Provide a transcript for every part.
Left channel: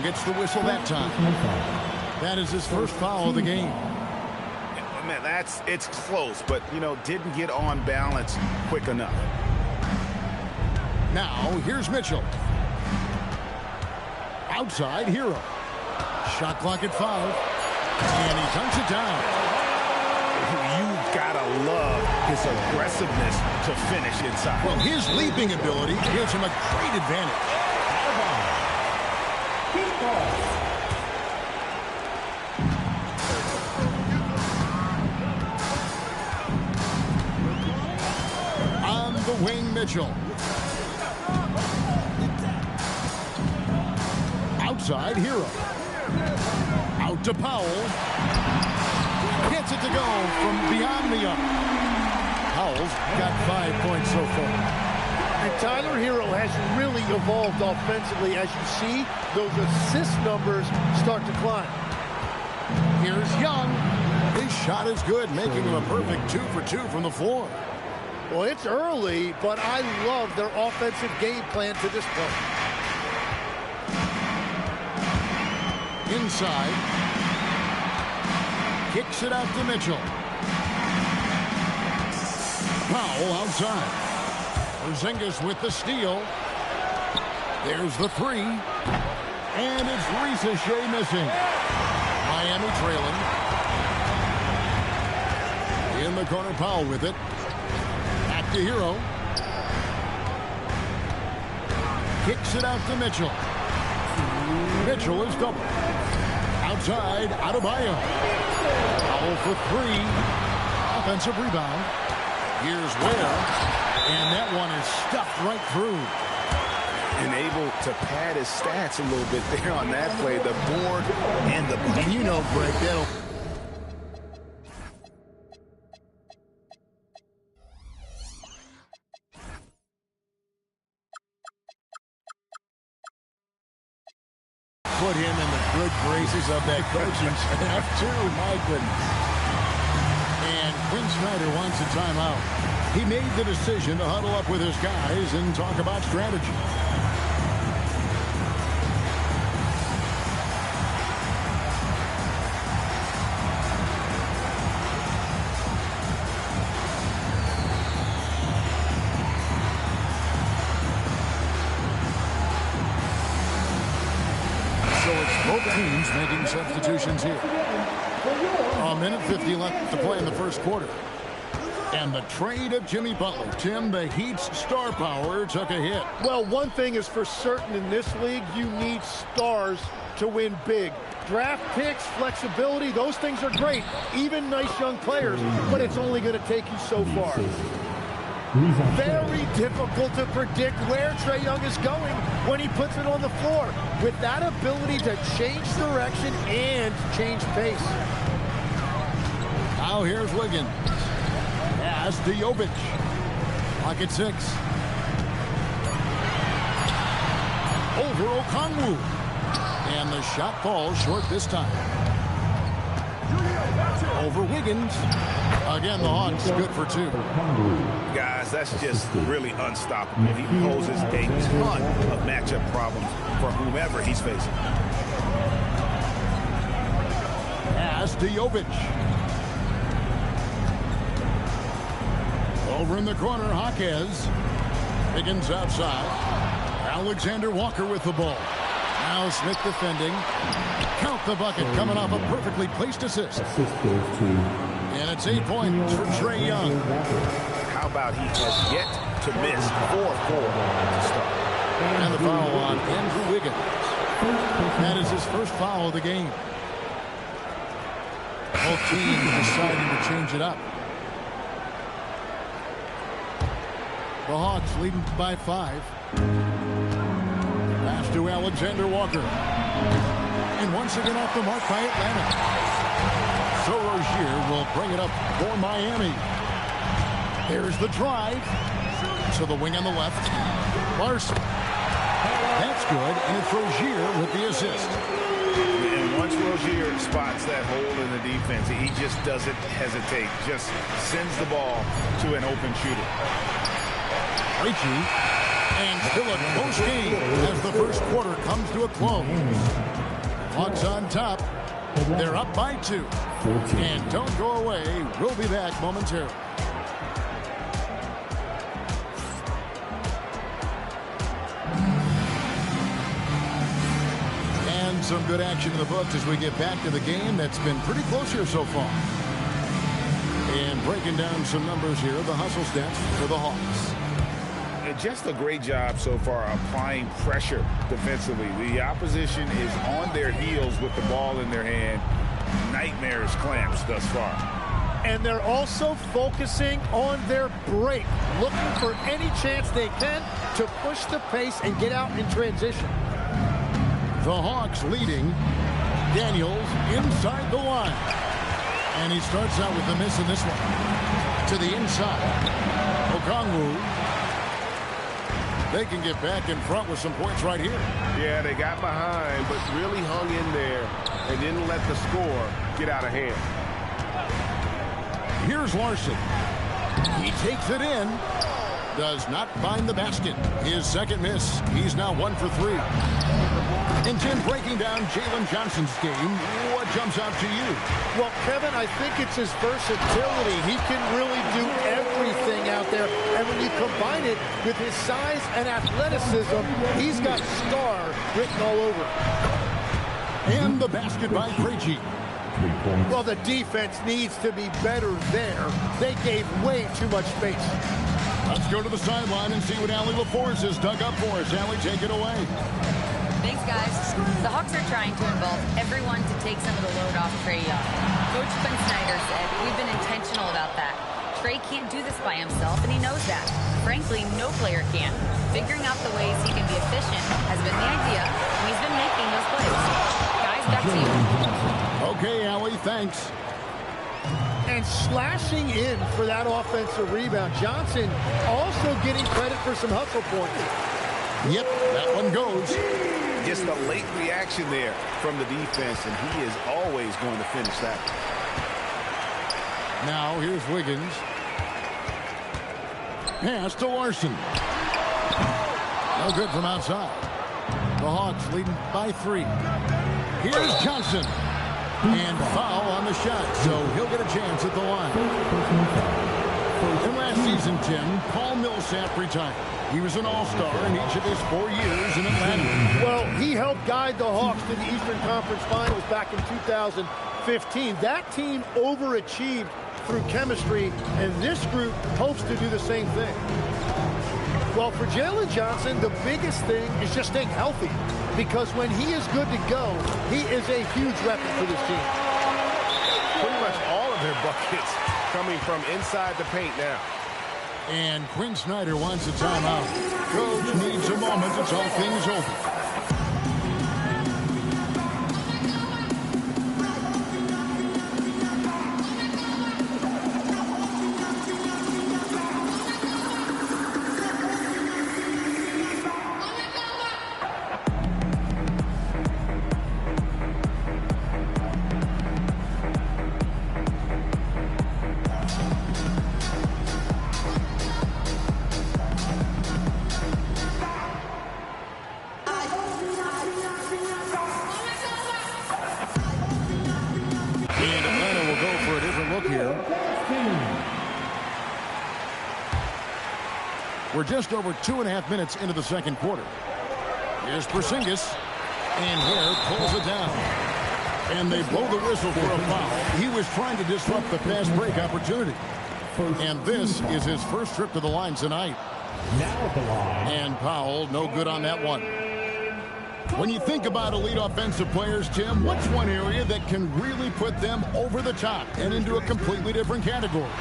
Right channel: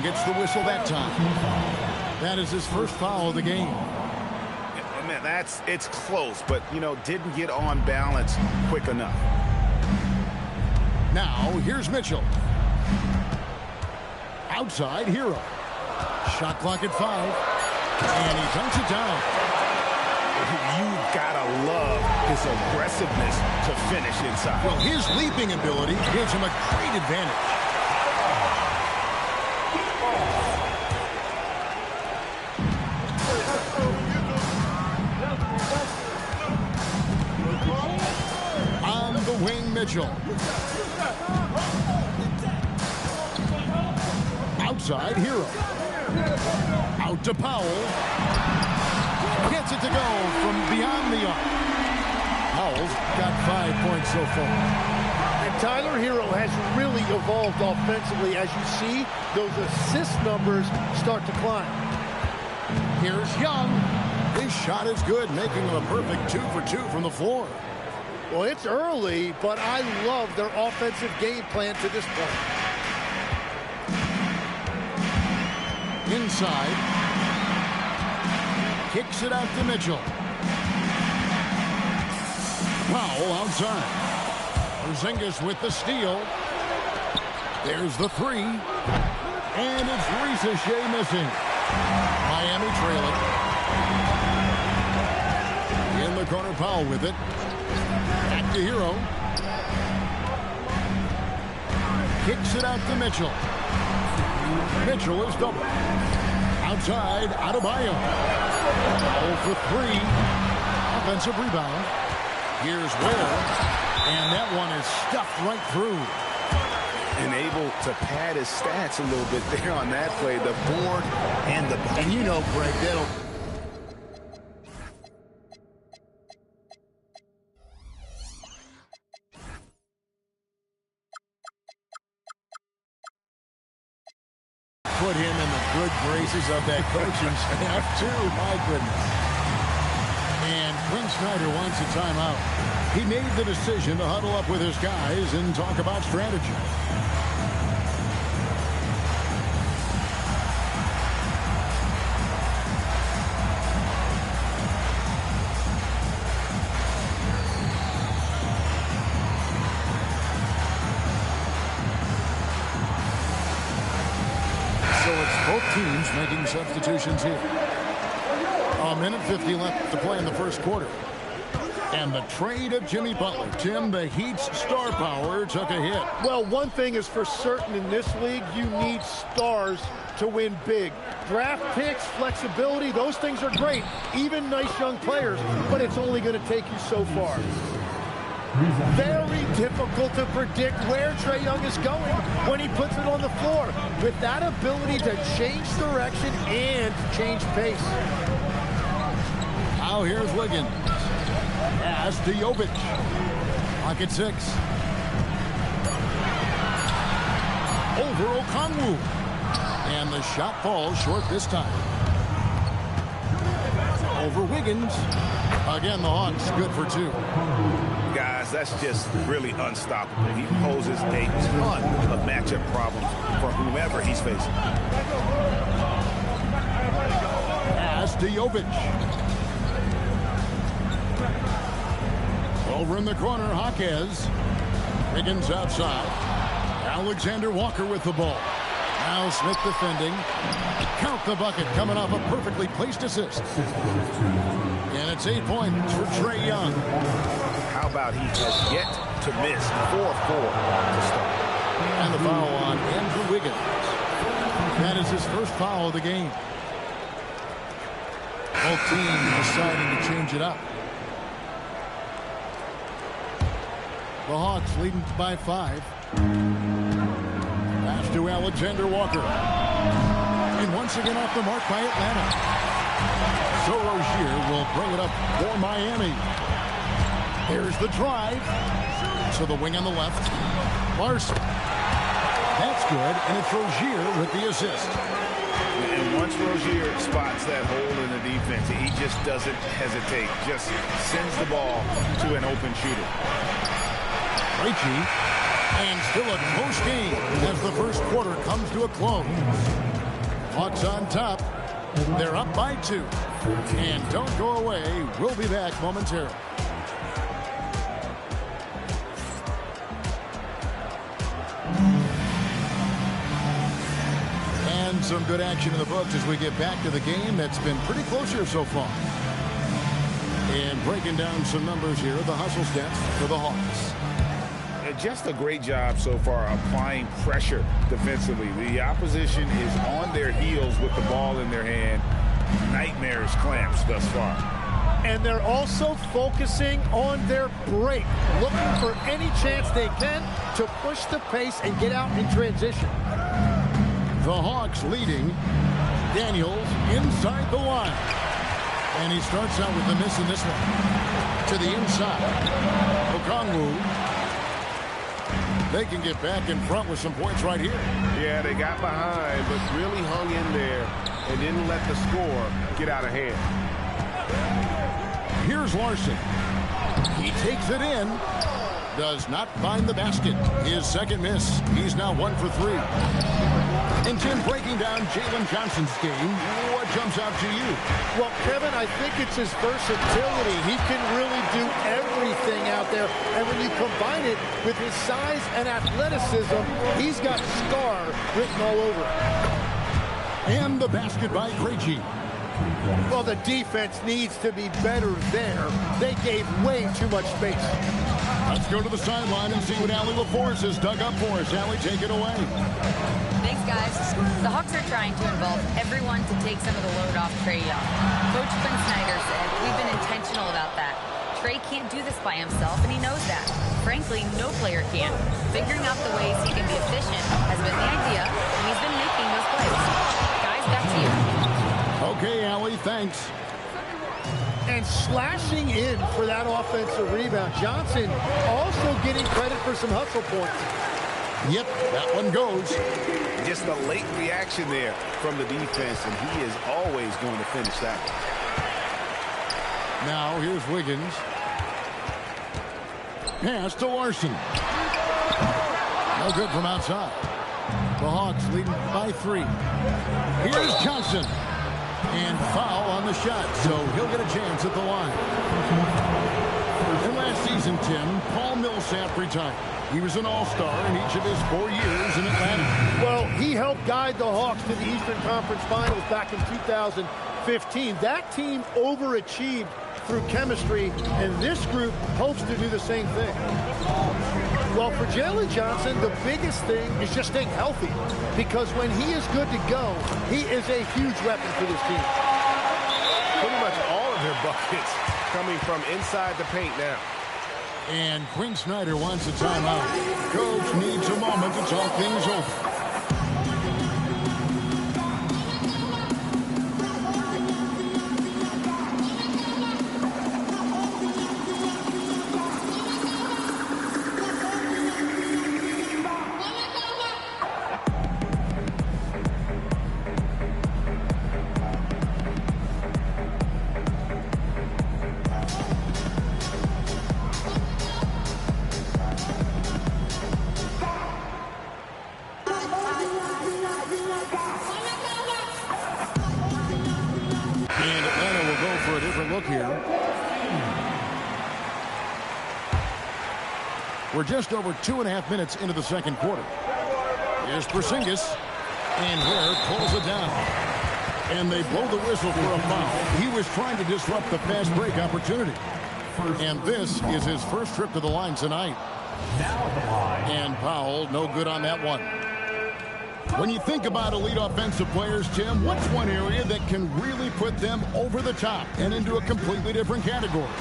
Young gets the whistle that time. That is his first foul of the game. Yeah, man, it's close, but, didn't get on balance quick enough. Now, here's Mitchell. Outside, Hero. Shot clock at 5. And he dunks it down. You've got to love his aggressiveness to finish inside. Well, his leaping ability gives him a great advantage. On the wing, Mitchell. Outside, Hero. Out to Powell. Gets it to go from beyond the arc. Powell's got 5 points so far. And Tyler Hero has really evolved offensively. As you see, those assist numbers start to climb. Here's Young. His shot is good, making him a perfect 2 for 2 from the floor. Well, it's early, but I love their offensive game plan to this point. Inside. Kicks it out to Mitchell. Powell outside. Porzingis with the steal. There's the 3. And it's Ricochet missing. Miami trailing. In the corner, Powell with it. Back to Hero. Kicks it out to Mitchell. Mitchell is double. Outside, Adebayo. Powell for 3. Offensive rebound. Here's Ware. And that one is stuffed right through. And able to pad his stats a little bit there on that play. The board and the bucket. And Greg, that'll... put him in the good graces of that coaching staff, too. My goodness. And Quinn Snyder wants a timeout. He made the decision to huddle up with his guys and talk about strategy. So it's both teams making substitutions here. A minute 50 left to play in the first quarter. And the trade of Jimmy Butler. Tim, the Heat's star power took a hit. Well, one thing is for certain in this league, you need stars to win big. Draft picks, flexibility, those things are great. Even nice young players, but it's only going to take you so far. Very difficult to predict where Trae Young is going when he puts it on the floor. With that ability to change direction and change pace. Now here's Wiggins. Pass to Jovic. Pocket 6. Over Okongwu. And the shot falls short this time. Over Wiggins. Again, the Hawks good for 2. Guys, that's just really unstoppable. He poses a ton of matchup problems for whomever he's facing. Pass to Jovic. Over in the corner, Jaquez. Wiggins outside. Alexander Walker with the ball. Now Smith defending. Count the bucket coming off a perfectly placed assist. And it's 8 points for Trae Young. How about he has yet to miss 4-4 to start. And the foul on Andrew Wiggins. That is his first foul of the game. Both teams deciding to change it up. The Hawks leading by 5. Pass to Alexander Walker. And once again off the mark by Atlanta. So Rozier will bring it up for Miami. There's the drive. To the wing on the left. Larson. That's good, and it's Rozier with the assist. And once Rozier spots that hole in the defense, he just doesn't hesitate. Just sends the ball to an open shooter. Krejci, and still a close game as the first quarter comes to a close. Hawks on top. They're up by 2. And don't go away. We'll be back momentarily. And some good action in the books as we get back to the game that's been pretty close here so far. And breaking down some numbers here, the hustle stats for the Hawks. Just a great job so far applying pressure defensively. The opposition is on their heels with the ball in their hand. Nightmares clamps thus far. And they're also focusing on their break, looking for any chance they can to push the pace and get out in transition. The Hawks leading. Daniels inside the line. And he starts out with a miss in this one. To the inside. Okongwu. They can get back in front with some points right here. Yeah, they got behind, but really hung in there and didn't let the score get out of hand. Here's Larson. He takes it in. Does not find the basket. His second miss. He's now 1 for 3. And Tim, breaking down Jalen Johnson's game, what jumps out to you? Well, Kevin, I think it's his versatility. He can really do everything out there. And when you combine it with his size and athleticism, he's got star written all over it. And the basket by Krejci. Well, the defense needs to be better there. They gave way too much space. Let's go to the sideline and see what Allie LaForce has dug up for us. Allie, take it away. Thanks, guys. The Hawks are trying to involve everyone to take some of the load off Trae Young. Coach Quinn Snyder said, we've been intentional about that. Trae can't do this by himself, and he knows that. Frankly, no player can. Figuring out the ways he can be efficient has been the idea, and he's been making those plays. Guys, back to you. Okay, Allie, thanks. And slashing in for that offensive rebound. Johnson also getting credit for some hustle points. Yep, that one goes. Just a late reaction there from the defense, and he is always going to finish that. Now here's Wiggins. Pass to Larson. No good from outside. The Hawks leading by 3. Here's Johnson. And foul on the shot, so he'll get a chance at the line. And last season, Tim, Paul Millsap retired. He was an all-star in each of his 4 years in Atlanta. Well, he helped guide the Hawks to the Eastern Conference Finals back in 2015. That team overachieved through chemistry, and this group hopes to do the same thing. Well, for Jalen Johnson, the biggest thing is just staying healthy, because when he is good to go, he is a huge weapon for this team. Pretty much all of their buckets coming from inside the paint now. And Quinn Snyder wants a timeout. Coach needs a moment to talk things over. We're just over 2.5 minutes into the second quarter. Here's Porzingis, and Ware pulls it down. And they blow the whistle for a foul. He was trying to disrupt the fast break opportunity. And this is his first trip to the line tonight. Now at the line. And Powell, no good on that one. When you think about elite offensive players, Tim, what's one area that can really put them over the top and into a completely different category?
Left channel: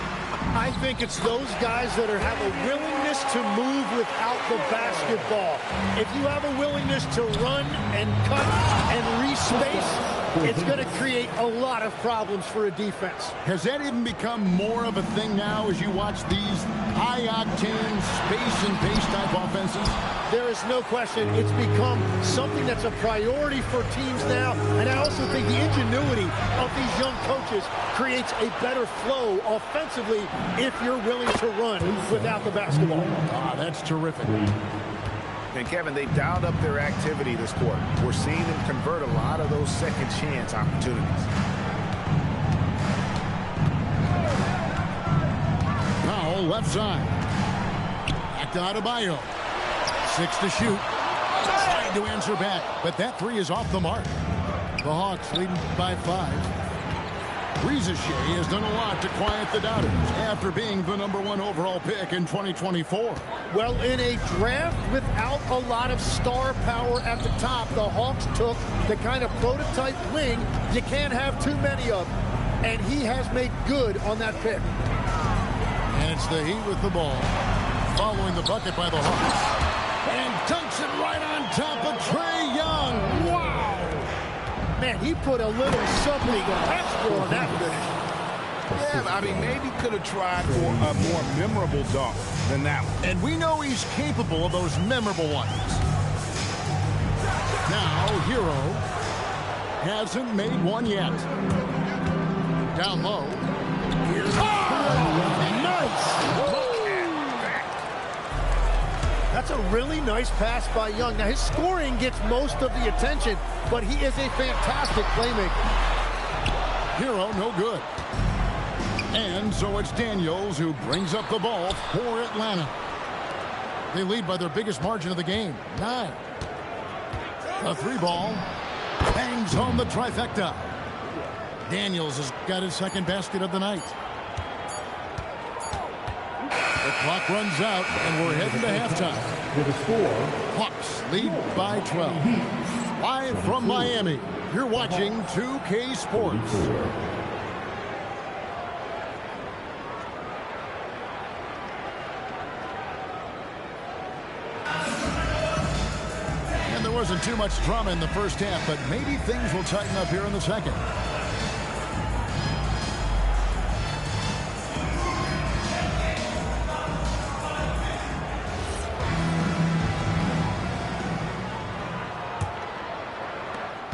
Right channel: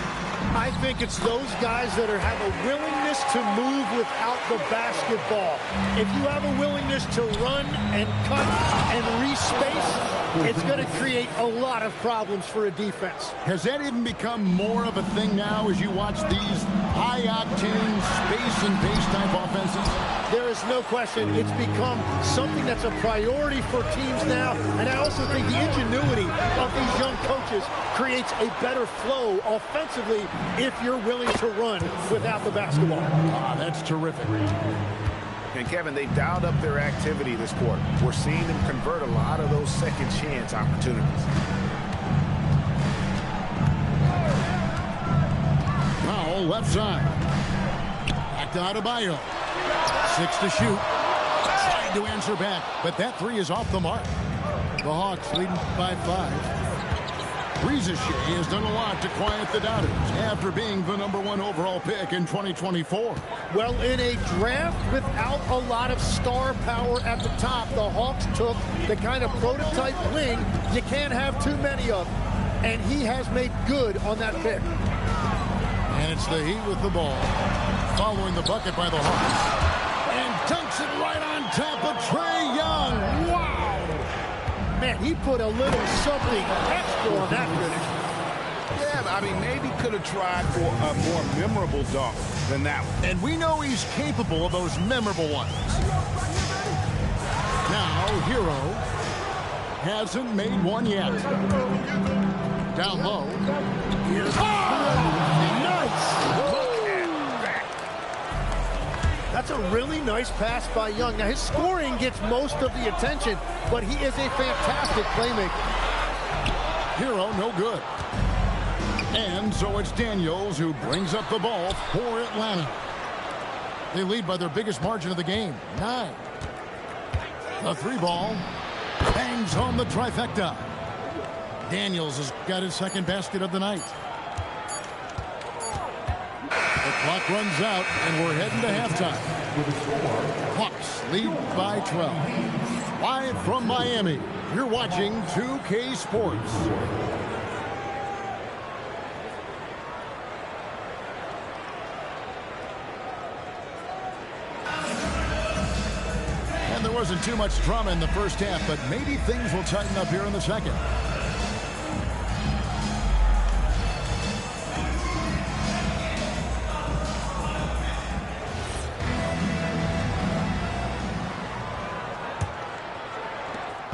I think it's those guys that have a willingness to move without the basketball. If you have a willingness to run and cut and re-space, it's going to create a lot of problems for a defense. Has that even become more of a thing now as you watch these high-octane space and pace type offenses? There is no question it's become something that's a priority for teams now. And I also think the ingenuity of these young coaches creates a better flow offensively if you're willing to run without the basketball. Ah, that's terrific. And, Kevin, they've dialed up their activity this quarter. We're seeing them convert a lot of those second chance opportunities. Foul left side. Back to Adebayo. 6 to shoot. Trying to answer back, but that three is off the mark. The Hawks leading by 5. Riza Shea has done a lot to quiet the doubters after being the #1 overall pick in 2024. Well, in a draft without a lot of star power at the top, the Hawks took the kind of prototype wing you can't have too many of. And he has made good on that pick. And it's the Heat with the ball, following the bucket by the Hawks. And dunks it right on top of Trae Young. Wow! Man, he put a little something extra on that finish. Yeah, I mean, maybe could have tried for a more memorable dunk than that one. And we know he's capable of those memorable ones. Now, Hero hasn't made one yet. Down low. Here's nice! Look at that. That's a really nice pass by Young. Now, his scoring gets most of the attention, but he is a fantastic playmaker. Hero, no good. And so it's Daniels who brings up the ball for Atlanta. They lead by their biggest margin of the game, 9. The 3-ball bangs home the trifecta. Daniels has got his second basket of the night. The clock runs out, and we're heading to halftime. Hawks lead by 12. Live from Miami, you're watching 2K Sports. And there wasn't too much drama in the first half, but maybe things will tighten up here in the second.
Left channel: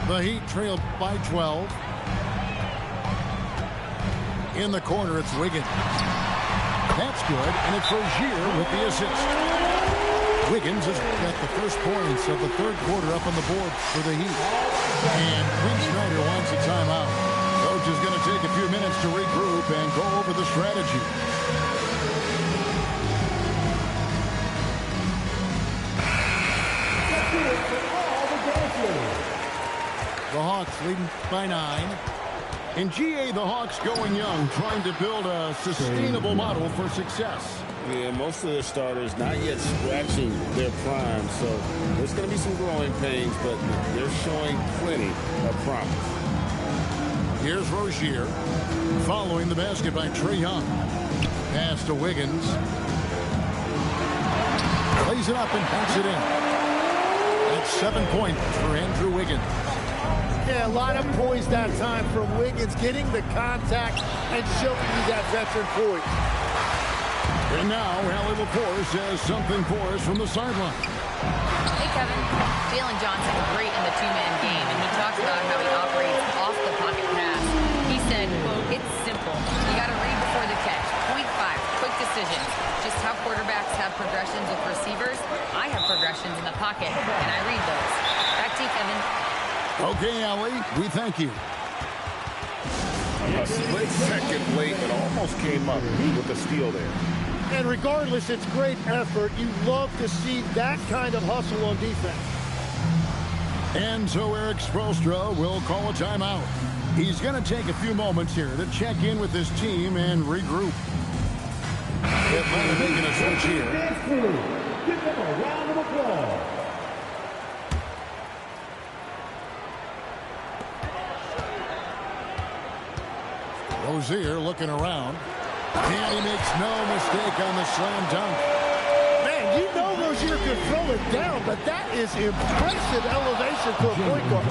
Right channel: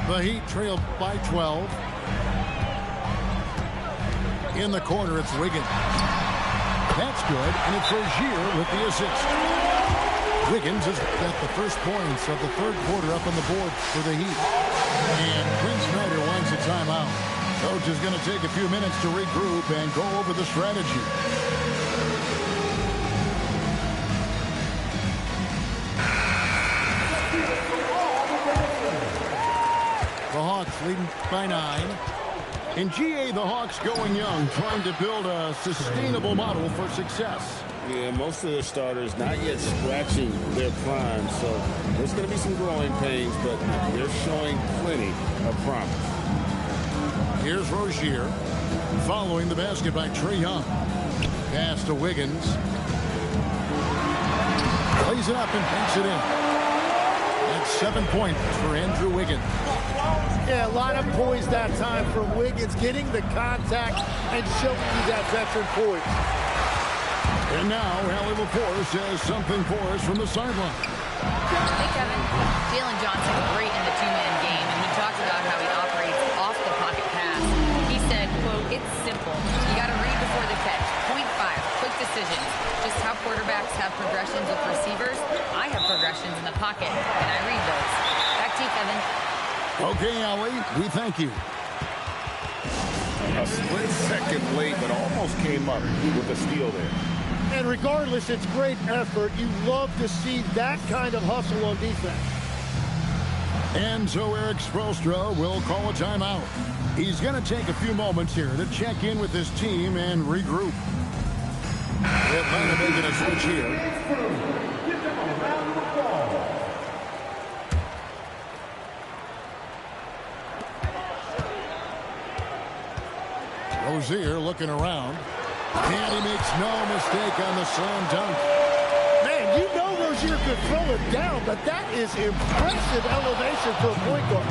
The Heat trail by 12. In the corner, it's Wiggins. That's good, and it's Rozier with the assist. Wiggins has got the first points of the third quarter up on the board for the Heat. And Quinn Snyder wants a timeout. Coach is going to take a few minutes to regroup and go over the strategy. The Hawks leading by 9. In GA, the Hawks going young, trying to build a sustainable model for success. Yeah, most of their starters not yet scratching their prime, so there's going to be some growing pains, but they're showing plenty of promise. Here's Rozier, following the basket by Trae Young. Pass to Wiggins. Plays it up and banks it in. That's 7 points for Andrew Wiggins. Yeah, a lot of poise that time from Wiggins, getting the contact and showing you that veteran poise. And now, Allie LaForce has something for us from the sideline. Hey, Kevin. Jalen Johnson, great in the two-man game, and he talks about how he operates off the pocket pass. He said, quote, "It's simple. You got to read before the catch. Point 5, quick decisions. Just how quarterbacks have progressions with receivers. I have progressions in the pocket, and I read those." Back to you, Kevin. Okay, Allie, we thank you. A split second late, but almost came up with a steal there. And regardless, it's great effort. You love to see that kind of hustle on defense. And so Eric Spoelstra will call a timeout. He's going to take a few moments here to check in with his team and regroup. Atlanta making a switch here. Give them a round of applause. Rozier looking around. And he makes no mistake on the slam dunk. Man, you know Rozier could throw it down, but that is impressive elevation for a point guard.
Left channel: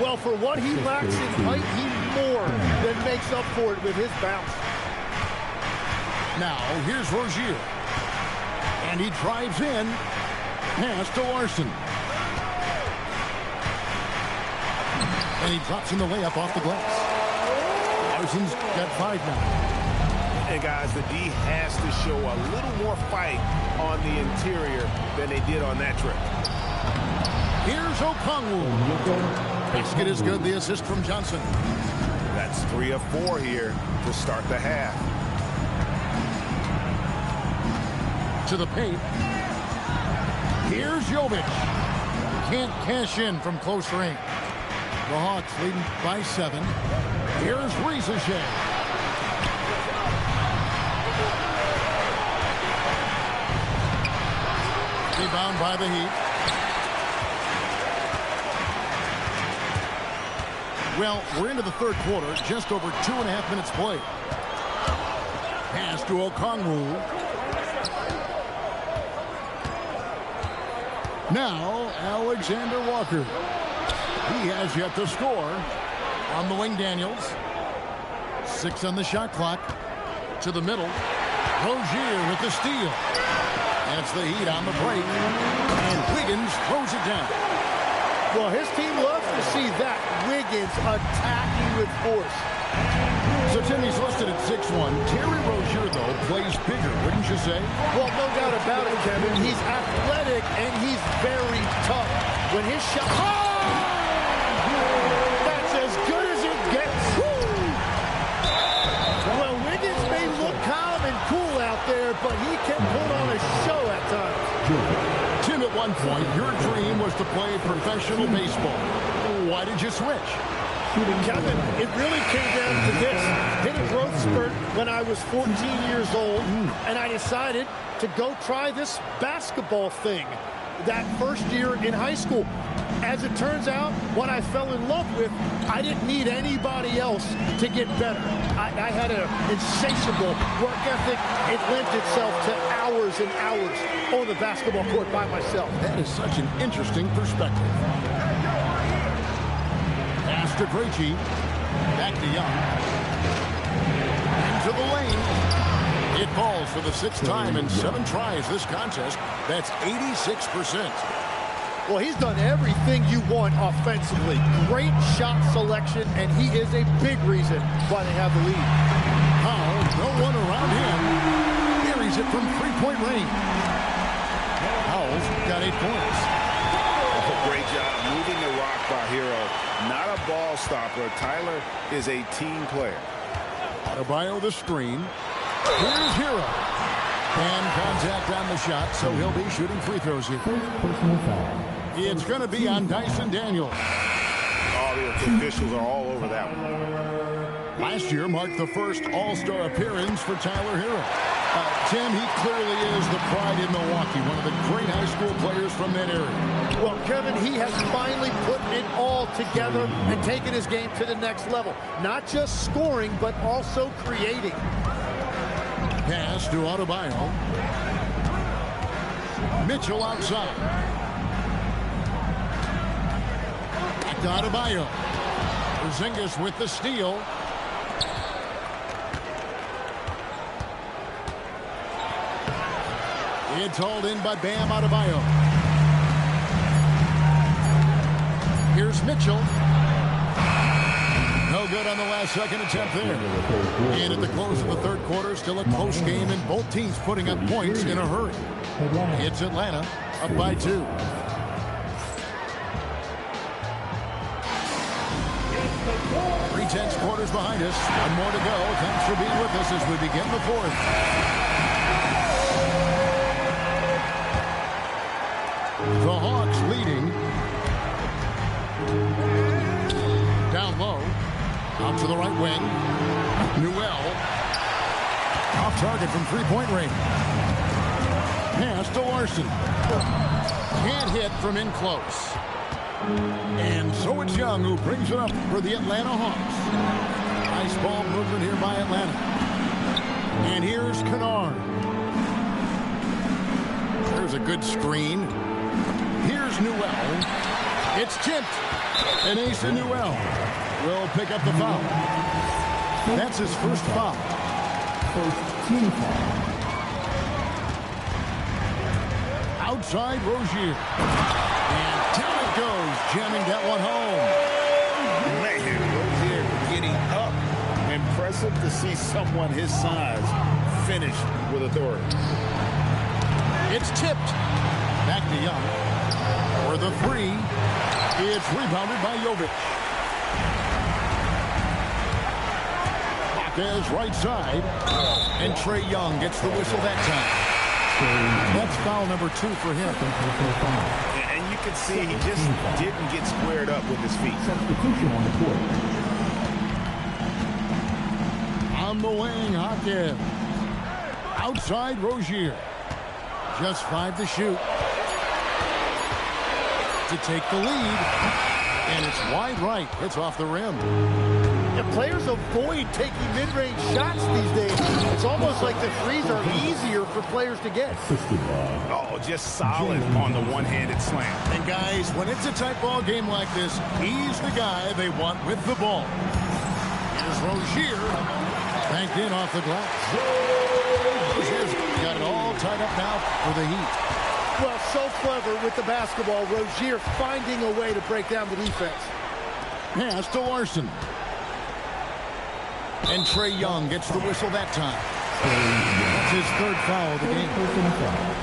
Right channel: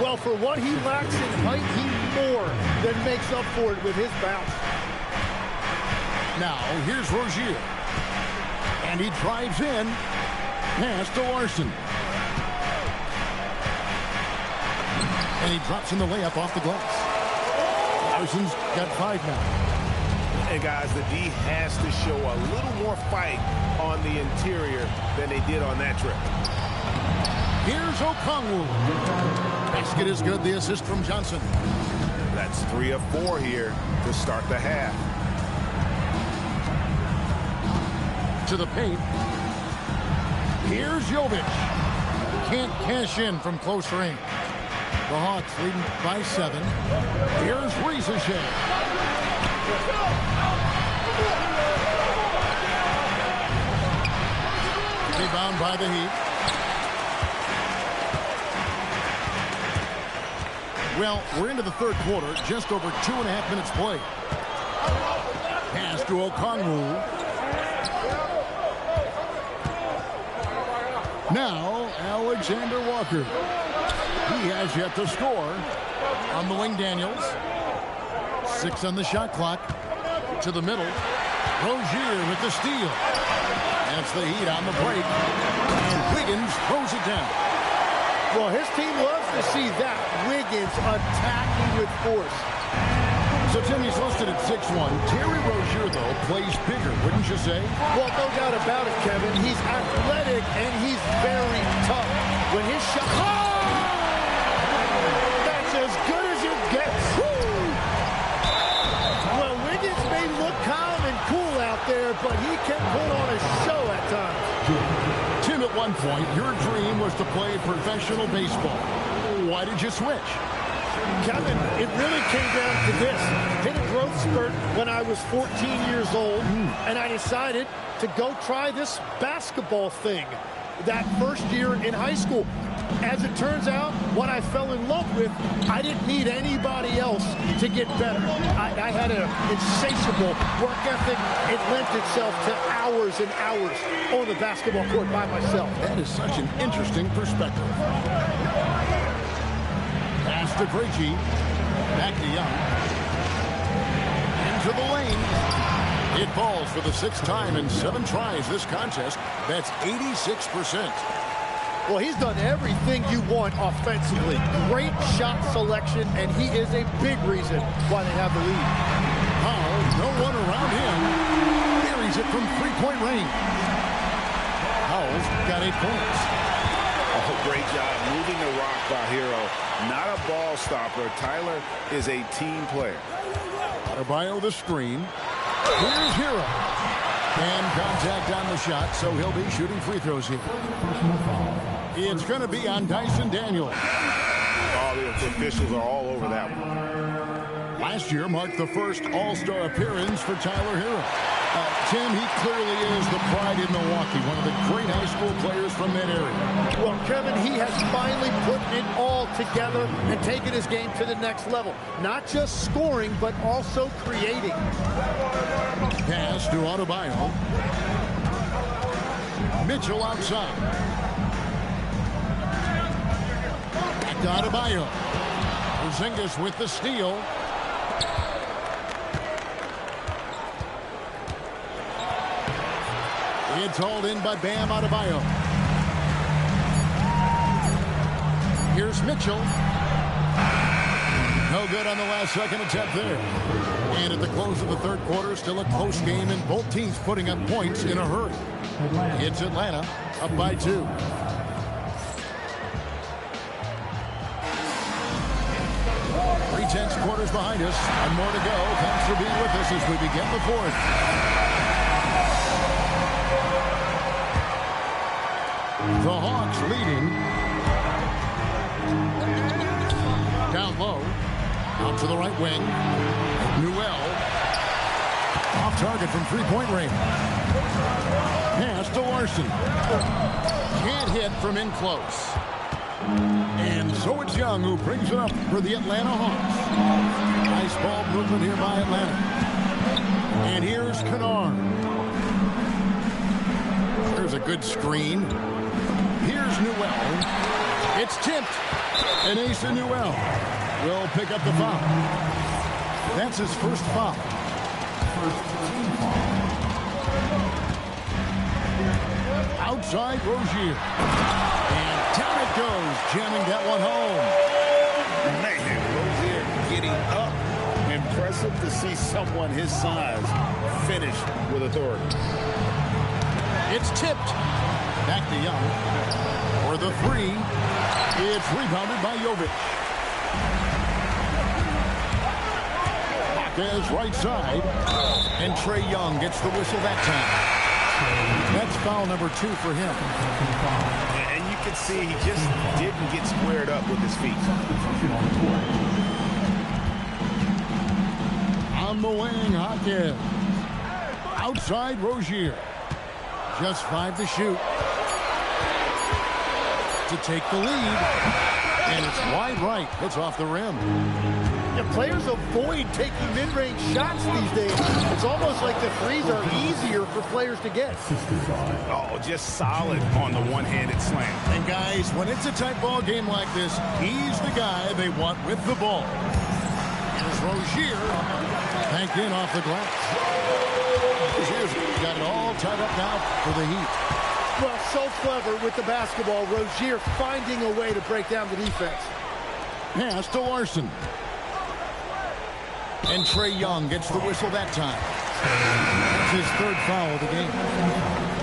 Well, for what he lacks in height, he more than makes up for it with his bounce. Now, here's Rozier. And he drives in. Pass to Larson. And he drops in the layup off the glass. Larson's got 5 now. And guys, the D has to show a little more fight on the interior than they did on that trip. Here's Okongwu. Basket is good. The assist from Johnson. That's 3 of 4 here to start the half. To the paint. Here's Jovic. Can't cash in from close range. The Hawks leading by 7. Here's Risacher. Rebound by the Heat. Well, we're into the third quarter, just over 2.5 minutes played. Pass to Okongwu. Now, Alexander Walker. He has yet to score. On the wing, Daniels. 6 on the shot clock. To the middle. Rozier with the steal. And it's the Heat on the break. And Wiggins throws it down. Well, his team loves to see that. Wiggins attacking with force. So Timmy's listed at 6'1". Terry Rozier, though, plays bigger, wouldn't you say? Well, no doubt about it, Kevin. He's athletic and he's very tough. When his shot... Oh! That's as good as it gets. Woo! Well, Wiggins may look calm and cool out there, but he can put on a show at times. Tim, at one point, your dream was to play professional baseball. Why did you switch? Kevin, it really came down to this. Hit a growth spurt when I was 14 years old, and I decided to go try this basketball thing that first year in high school. As it turns out, what I fell in love with, I didn't need anybody else to get better. I had an insatiable work ethic. It lent itself to hours and hours on the basketball court by myself. That is such an interesting perspective. Pass to Krejci. Back to Young. Into the lane. It falls for the 6th time in 7 tries this contest. That's 86%. Well, he's done everything you want offensively. Great shot selection, and he is a big reason why they have the lead. Powell, no one around him. Buries it from 3-point range. Powell's got 8 points. Oh, great job moving the rock by Hero. Not a ball stopper. Tyler is a team player. Adebayo the screen. Here's Hero. And contact on the shot, so he'll be shooting free throws here. It's going to be on Dyson Daniels. Oh, the officials are all over that one. Last year marked the first All-Star appearance for Tyler Hero. Tim, he clearly is the pride in Milwaukee, one of the great high school players from that area. Well, Kevin, he has finally put it all together and taken his game to the next level. Not just scoring, but also creating. Pass to Adebayo. Mitchell outside. Back to Adebayo. Porzingis with the steal. It's hauled in by Bam Adebayo. Here's Mitchell. No good on the last second attempt there. And at the close of the third quarter, still a close game, and both teams putting up points in a hurry. It's Atlanta up by 2. Three-tenths quarters behind us. One more to go. Thanks for being with us as we begin the fourth. The Hawks leading. Down low. Out to the right wing. Newell. Off target from 3-point range. Pass to Larson. Can't hit from in close. And so it's Young who brings it up for the Atlanta Hawks. Nice ball movement here by Atlanta. And here's Kennard. There's a good screen. Here's Newell. It's tipped. And Asa Newell will pick up the foul. That's his first foul. First team foul. Outside Rozier. And down it goes, jamming that one home. Man, Rozier getting up and pressing. impressive to see someone his size finish with authority. It's tipped. Back to Young. For the three. It's rebounded by Jovic. Hawkes right side. And Trae Young gets the whistle that time. That's foul number 2 for him. And you can see he just didn't get squared up with his feet. On the wing, Hawkins. Outside, Rozier. Just 5 to shoot. To take the lead. And it's wide right. Hits off the rim. And players avoid taking mid-range shots these days. It's almost like the threes are easier for players to get. Oh, just solid on the one-handed slam. And guys, when it's a tight ball game like this, he's the guy they want with the ball. Here's Rozier. Banked in off the glass. Rozier's got it all tied up now for the Heat. Well, so clever with the basketball. Rozier finding a way to break down the defense. Pass to Larson. And Trae Young gets the whistle that time. That's his 3rd foul of the game.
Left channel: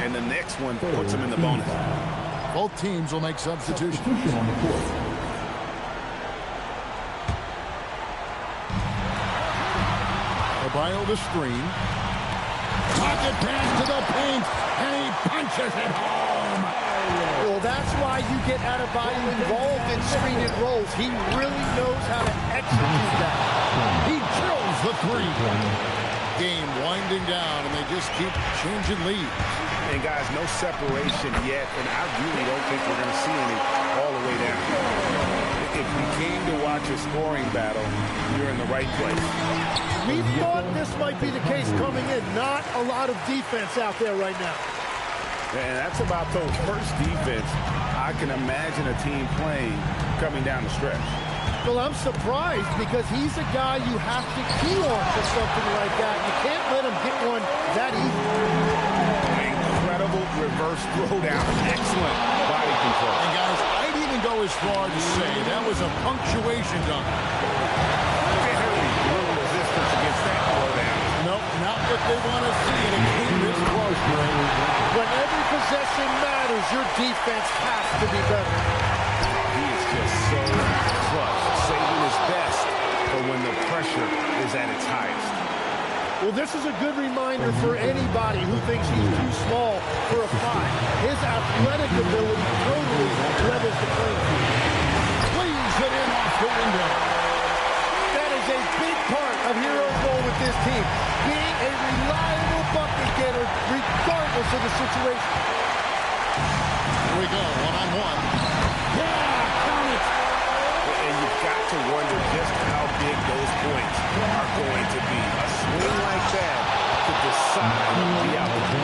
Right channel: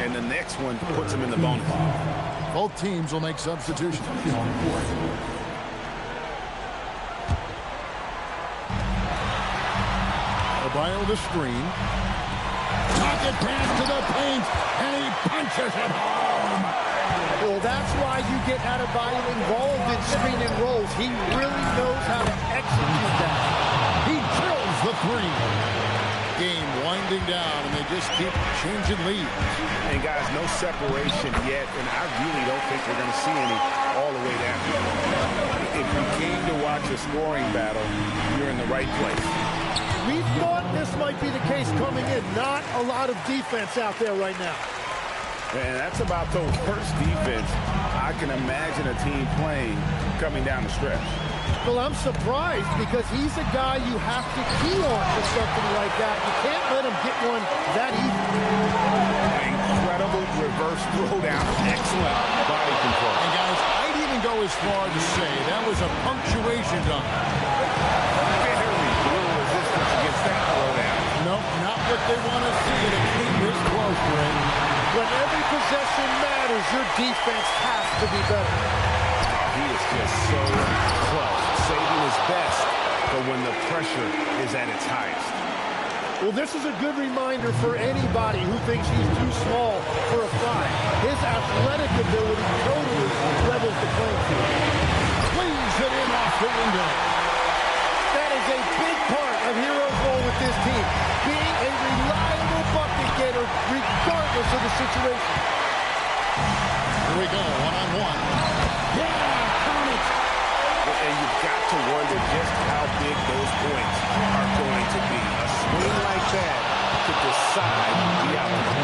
And the next one puts him in the bonus. Both teams will make substitutions. Adebayo the screen. Pocket pass to the paint. And he punches it home. Well, that's why you get Adebayo involved in screen and rolls. He really knows how to execute that. He drills the 3. Game winding down, and they just keep changing leads. And, guys, no separation yet, and I really don't think we're going to see any all the way down. If you came to watch a scoring battle, you're in the right place. We thought this might be the case coming in. Not a lot of defense out there right now. And that's about the worst defense I can imagine a team playing coming down the stretch. Well, I'm surprised because he's a guy you have to key on for something like that. You can't let him get one that easy. Incredible reverse throwdown. Excellent body control. And, guys, I'd even go as far to say that was a punctuation dunk. Very little resistance against that throwdown. Nope, not what they want to see in a game this close, Greg. When every possession matters, your defense has to be better. Oh, he is just so clutch, saving his best for when the pressure is at its highest. Well, this is a good reminder for anybody who thinks he's too small for a 5. His athletic ability totally levels the playing field. Plays it in off the window. That is a big part of Herro's role with this team, being a reliable bucket getter regardless of the situation. Here we go, one-on-one. Yeah, count it. And you've got to wonder just how big those points are going to be. A swing like that could decide the outcome.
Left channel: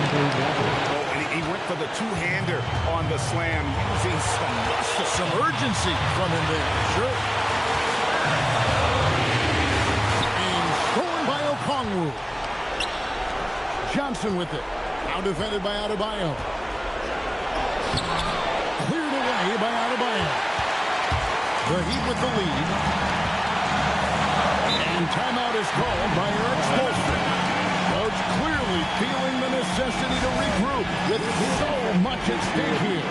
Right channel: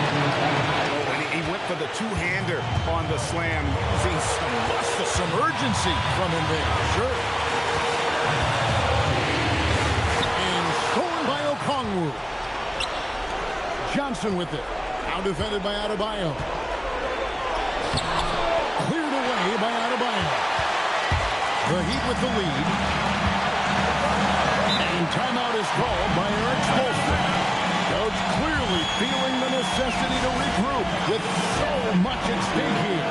Oh, and he went for the two-hander on the slam, using some muscle. Some urgency from him there, sure. By Okongwu. Johnson with it. Now defended by Adebayo. Cleared away by Adebayo. The Heat with the lead. And timeout is called by Eric Spoelstra. Coach clearly feeling the necessity to regroup with so much at stake here.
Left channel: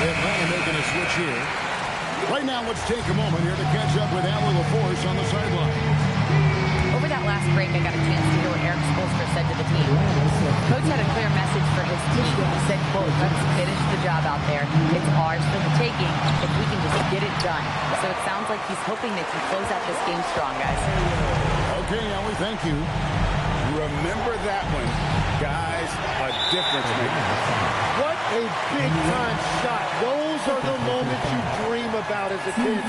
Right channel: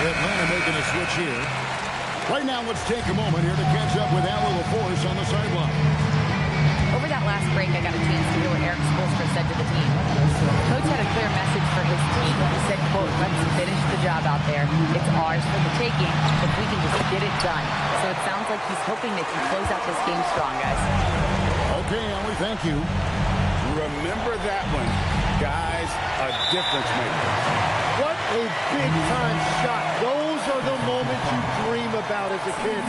Atlanta making a switch here. Right now, let's take a moment here to catch up with Allie LaForce on the sideline. Over that last break, I got a chance to hear what Eric Spoelstra said to the team. Coach had a clear message for his team. He said, quote, let's finish the job out there. It's ours for the taking if we can just get it done. So it sounds like he's hoping they can close out this game strong, guys. Okay, Allie, thank you. Remember that one. Guys, a difference maker. What a big-time shot. Those are the moments you dream about as a kid.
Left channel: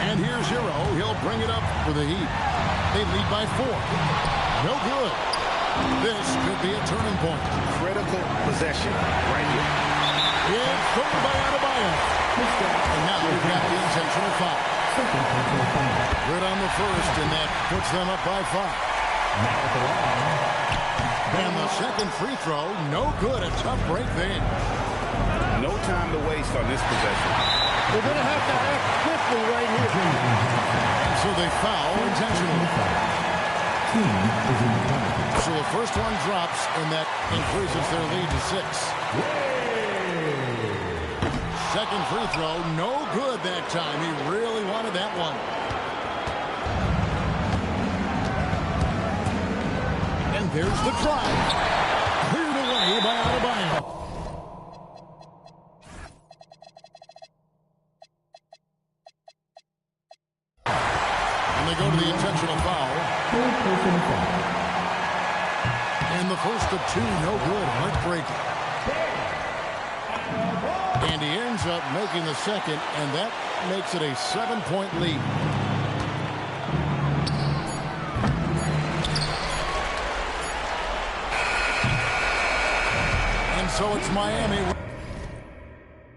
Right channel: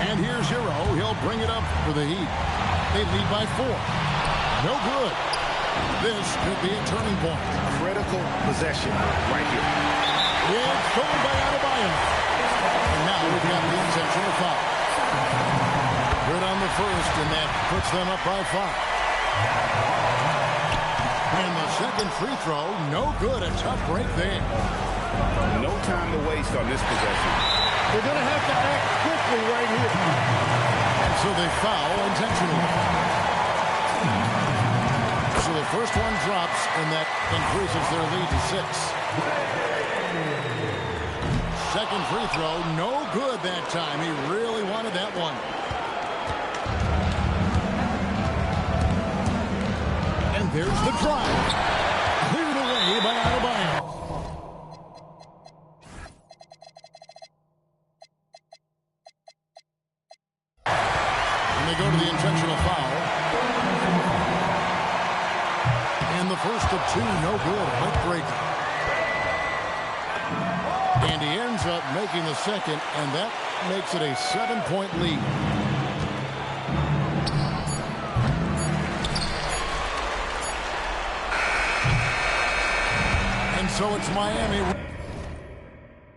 And here's Herro. He'll bring it up for the Heat. They lead by 4. No good. This could be a turning point. Critical possession right here. It's thrown by Adebayo. And now we've got the intentional foul. Good on the first, and that puts them up by 5. And the second free throw, no good. A tough break there. No time to waste on this possession. They're going to have to act quickly right here. And so they foul intentionally. So the first one drops, and that increases their lead to 6. Second free throw, no good that time. He really wanted that one. And there's the drive. Cleared away by Adebayo. And they go to the intentional foul. And the first of 2, no good. Heartbreaking. And he ends up making the second, and that makes it a 7-point lead. And so it's Miami.